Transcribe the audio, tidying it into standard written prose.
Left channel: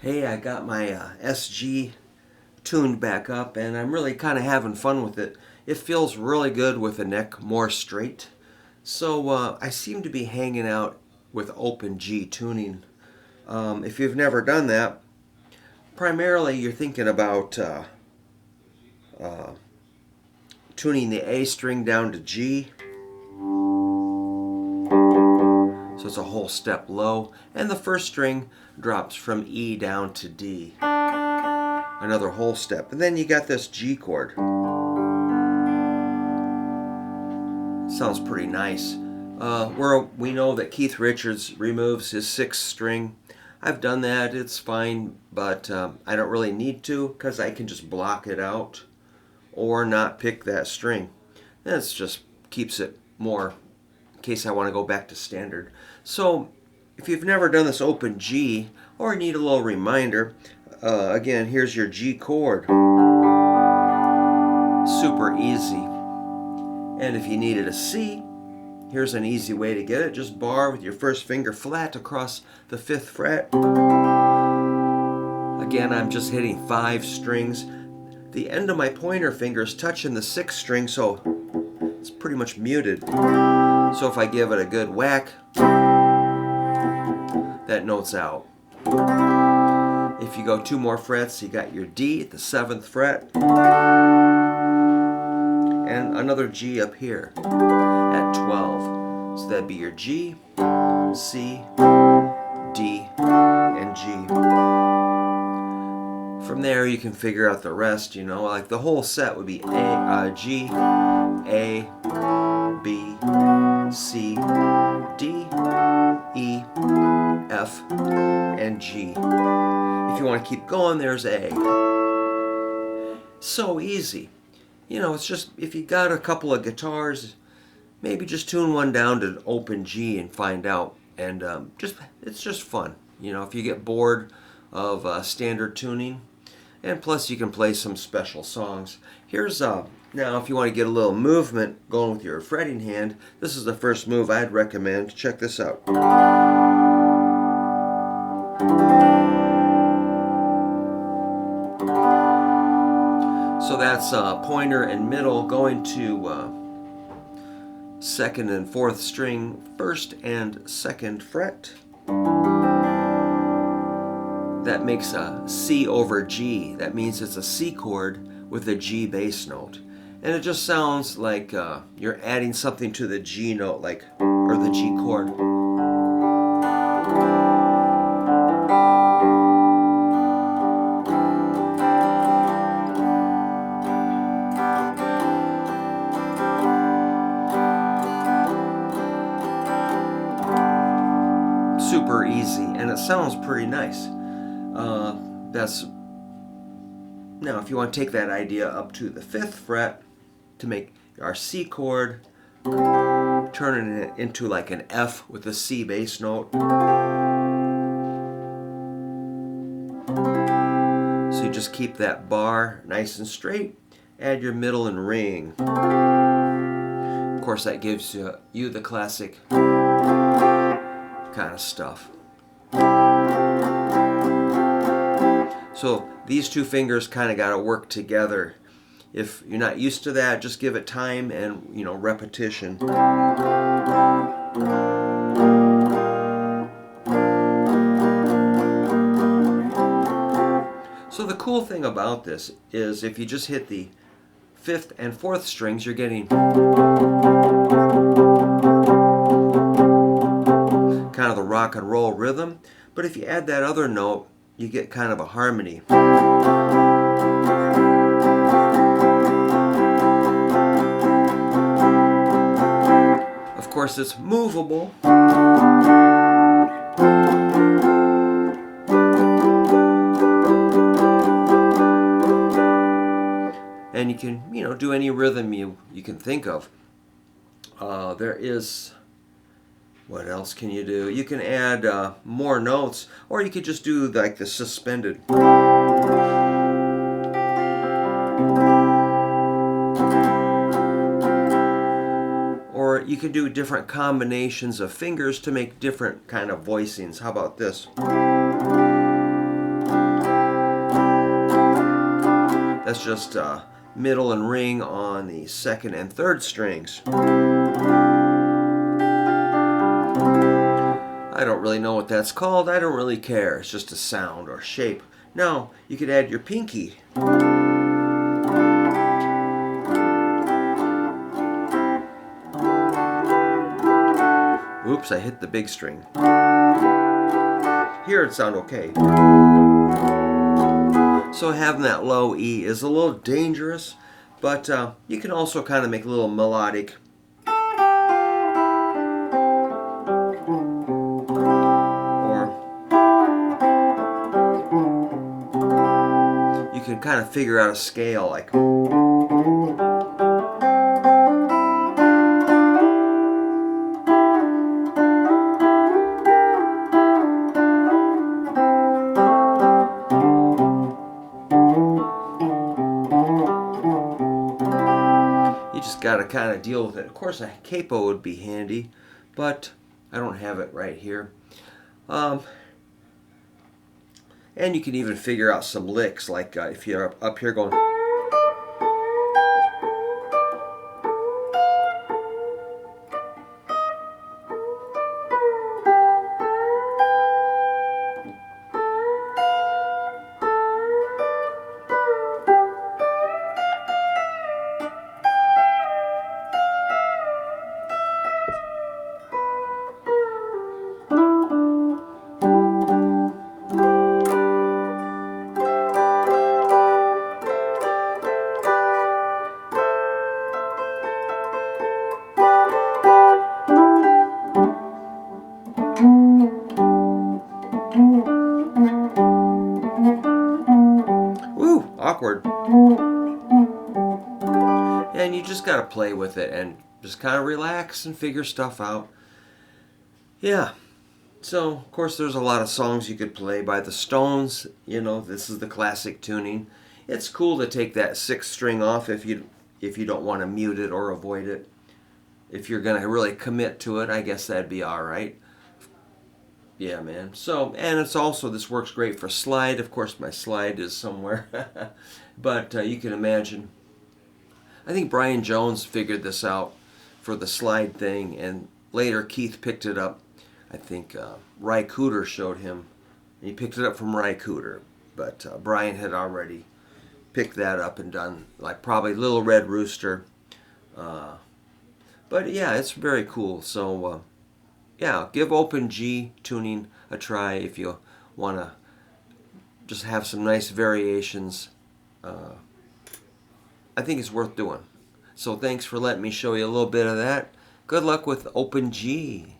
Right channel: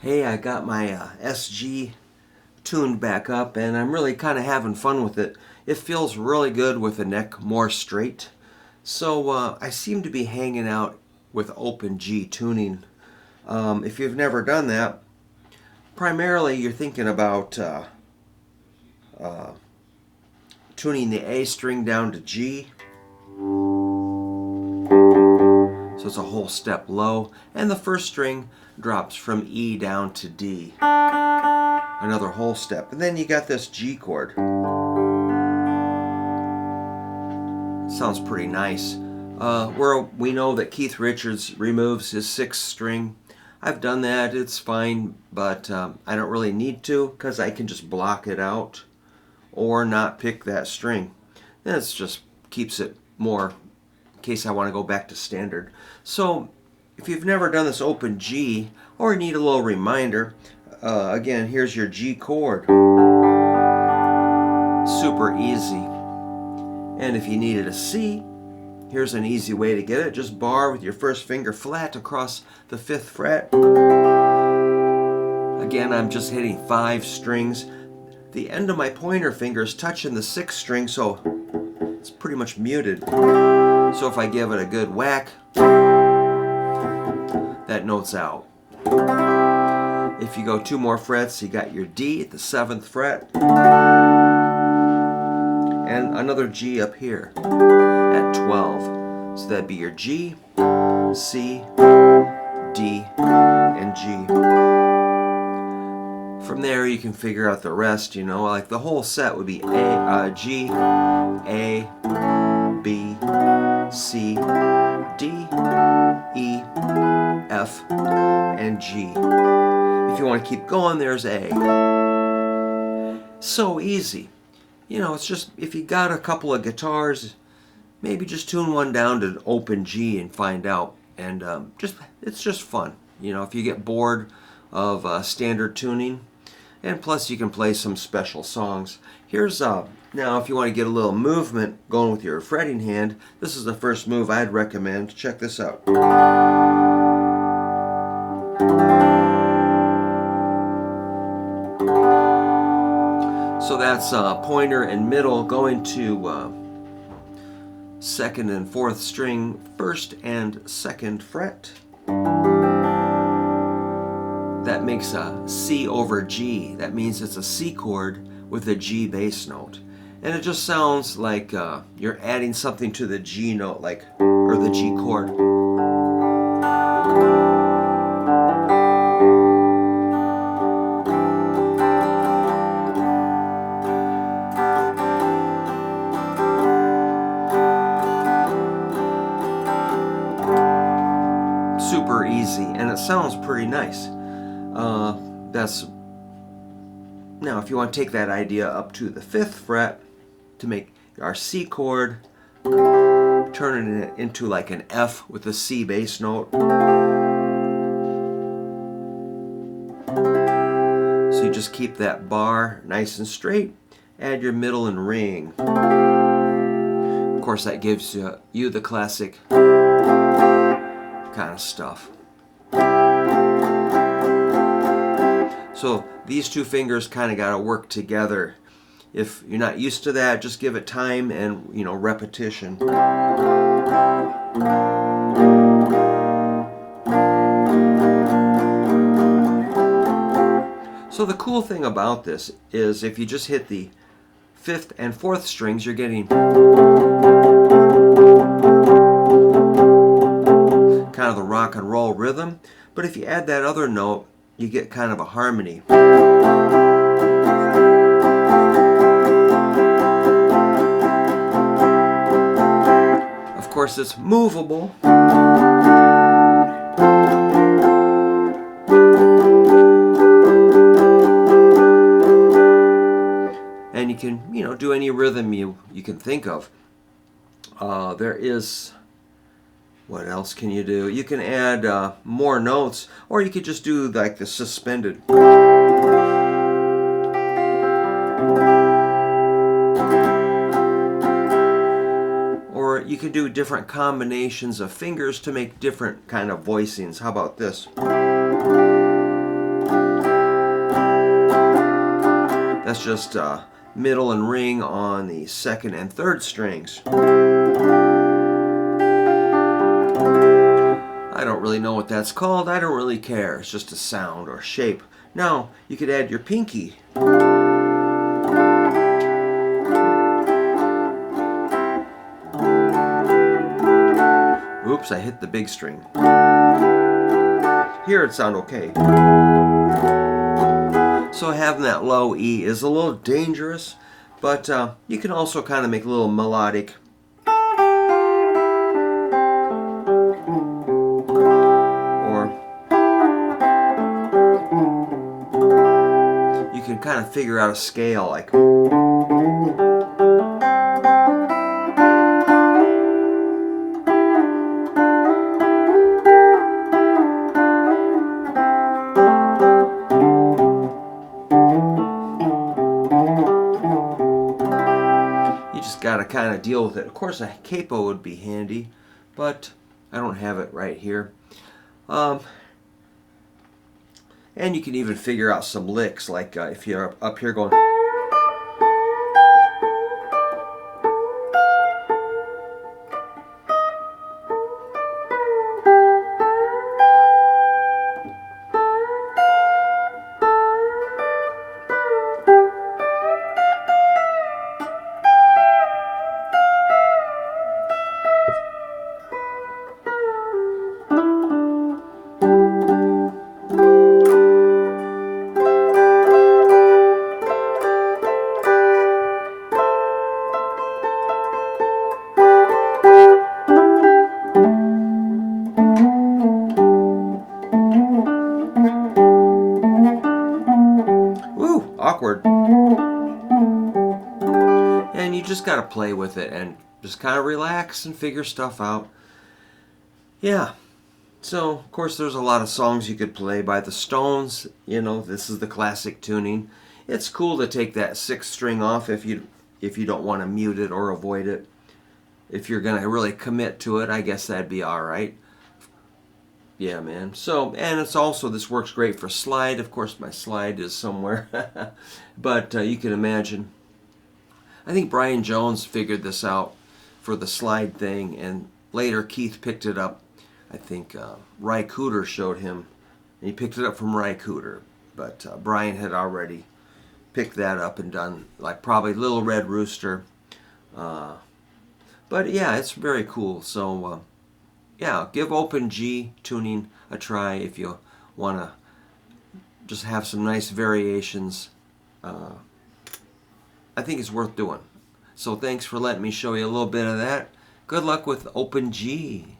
Hey, I got my SG tuned back up and I'm really kind of having fun with it. It feels really good with the neck more straight. So I seem to be hanging out with open G tuning. If you've never done that, primarily you're thinking about tuning the A string down to G. So it's a whole step low, and the first string drops from E down to D. Another whole step. And then you got this G chord. Sounds pretty nice. We know that Keith Richards removes his sixth string. I've done that, it's fine, but I don't really need to because I can just block it out or not pick that string. That just keeps it more in case I want to go back to standard. So if you've never done this open G or need a little reminder, again, here's your G chord. Super easy. And if you needed a C, here's an easy way to get it. Just bar with your first finger flat across the 5th fret. Again, I'm just hitting 5 strings. The end of my pointer finger is touching the 6th string, so it's pretty much muted. So if I give it a good whack, that note's out. If you go 2 more frets, you got your D at the 7th fret. And another G up here at 12. So that'd be your G, C, D, and G. From there you can figure out the rest, like the whole set would be G, A, B, C, D, E, F, and G. If you want to keep going, there's A. So easy. It's just, if you got a couple of guitars, maybe just tune one down to open G and find out. And it's just fun. If you get bored of standard tuning, and plus you can play some special songs. Here's now if you want to get a little movement going with your fretting hand, this is the first move I'd recommend. Check this out. So that's pointer and middle going to 2nd and 4th string, 1st and 2nd fret. That makes a C over G. That means it's a C chord with a G bass note. And it just sounds like you're adding something to the G note, or the G chord. Super easy, and it sounds pretty nice. Now if you want to take that idea up to the 5th fret to make our C chord, turning it into like an F with a C bass note. So you just keep that bar nice and straight, add your middle and ring. Of course that gives you the classic kind of stuff. So these 2 fingers kind of got to work together. If you're not used to that, just give it time and repetition. So the cool thing about this is if you just hit the 5th and 4th strings, you're getting kind of the rock and roll rhythm. But if you add that other note, you get kind of a harmony. Of course, it's movable. And you can, do any rhythm you can think of. There is... What else can you do? You can add more notes, or you could just do like the suspended. Or you could do different combinations of fingers to make different kind of voicings. How about this? That's just middle and ring on the second and third strings. I don't really know what that's called. I don't really care. It's just a sound or shape. Now, you could add your pinky. Oops, I hit the big string. Here it sounds okay. So having that low E is a little dangerous, but you can also kind of make a little melodic. Or you can kind of figure out a scale like. You just got to kind of deal with it. Of course, a capo would be handy, but I don't have it right here. And you can even figure out some licks, like if you're up here going. Awkward. And you just got to play with it and just kind of relax and figure stuff out. Yeah. So, of course, there's a lot of songs you could play by the Stones. You know, this is the classic tuning. It's cool to take that sixth string off if you don't want to mute it or avoid it. If you're going to really commit to it, I guess that'd be all right. Yeah, man. So, and it's also, this works great for slide. Of course, my slide is somewhere. But you can imagine. I think Brian Jones figured this out for the slide thing, and later Keith picked it up. I think Ry Cooder showed him, and he picked it up from Ry Cooder. But Brian had already picked that up and done, like probably Little Red Rooster. But yeah, it's very cool. So, yeah, give open G tuning a try if you want to just have some nice variations. I think it's worth doing. So thanks for letting me show you a little bit of that. Good luck with open G.